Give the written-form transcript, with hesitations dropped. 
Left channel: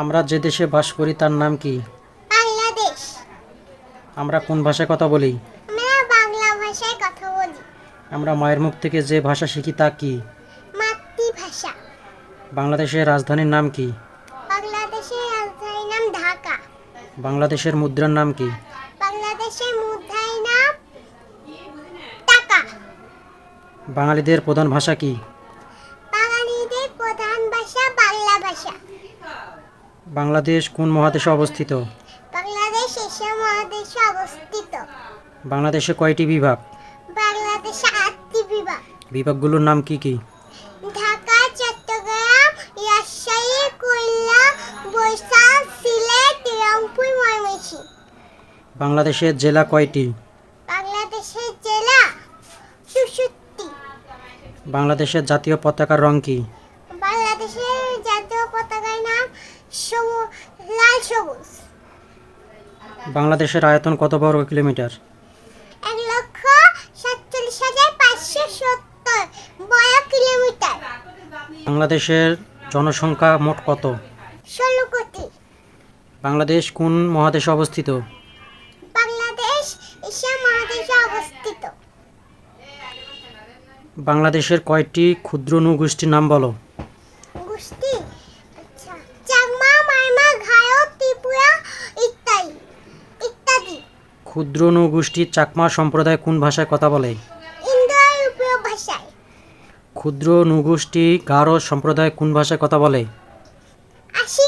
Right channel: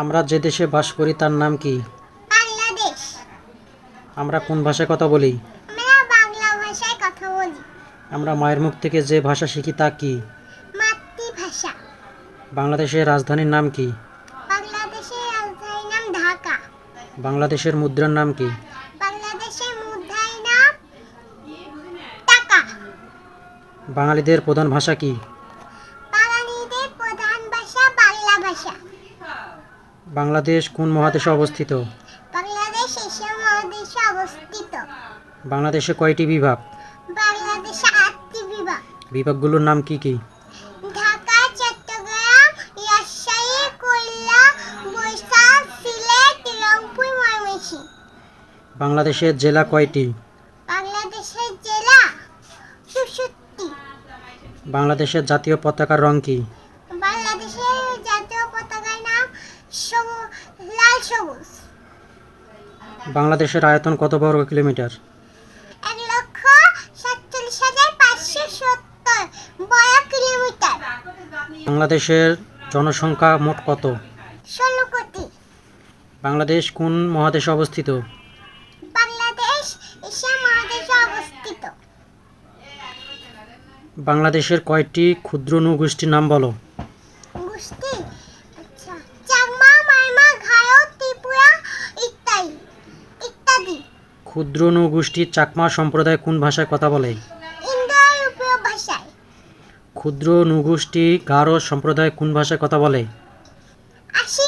আমরা যে দেশে বাস করি তার নাম কি? বাংলাদেশ। আমরা কোন ভাষায় কথা বলি? আমরা বাংলা ভাষায় কথা বলি। আমরা মায়ের মুখ থেকে যে ভাষা শিখি তা কি? মাতৃভাষা। বাংলাদেশের রাজধানীর নাম কি? বাংলাদেশের রাজধানীর নাম ঢাকা। বাংলাদেশের মুদ্রার নাম কি? বাংলাদেশের মুদ্রার নাম টাকা। বাঙালিদের প্রধান ভাষা কি? বাঙালিদের প্রধান ভাষা বাংলা ভাষা। বাংলাদেশ কোন মহাদেশে অবস্থিত? বাংলাদেশ এশিয়া মহাদেশে অবস্থিত। বাংলাদেশে কয়টি বিভাগ? বাংলাদেশে 8টি বিভাগ। বিভাগগুলোর নাম কি কি? ঢাকা, চট্টগ্রাম, রাজশাহী, খুলনা, বরিশাল, সিলেট, রংপুর, ময়মনসিংহ। বাংলাদেশের জেলা কয়টি? বাংলাদেশের জেলা 64টি। বাংলাদেশের জাতীয় পতাকার রং কি? বাংলাদেশের জাতীয় পতাকার নাম লাল সবুজ। বাংলাদেশের আয়তন কত বর্গ কিলোমিটার? 1,47,570 বর্গ কিলোমিটার। বাংলাদেশের জনসংখ্যা মোট কত? 16 কোটি। বাংলাদেশ কোন মহাদেশে অবস্থিত? বাংলাদেশ এশিয়া মহাদেশে অবস্থিত। বাংলাদেশের কয়টি ক্ষুদ্র নৃগোষ্ঠীর নাম বলো? গোষ্ঠী চাকমা, মারমা, ঘায়ো, ত্রিপুরা ইত্যাদি ইত্যাদি। ক্ষুদ্র নৃগোষ্ঠী চাকমা সম্প্রদায় কোন ভাষায় কথা বলে? ইন্দো ইউরোপীয় ভাষায়। ক্ষুদ্র নৃগোষ্ঠী গারো সম্প্রদায় কোন ভাষায় কথা বলে? আশি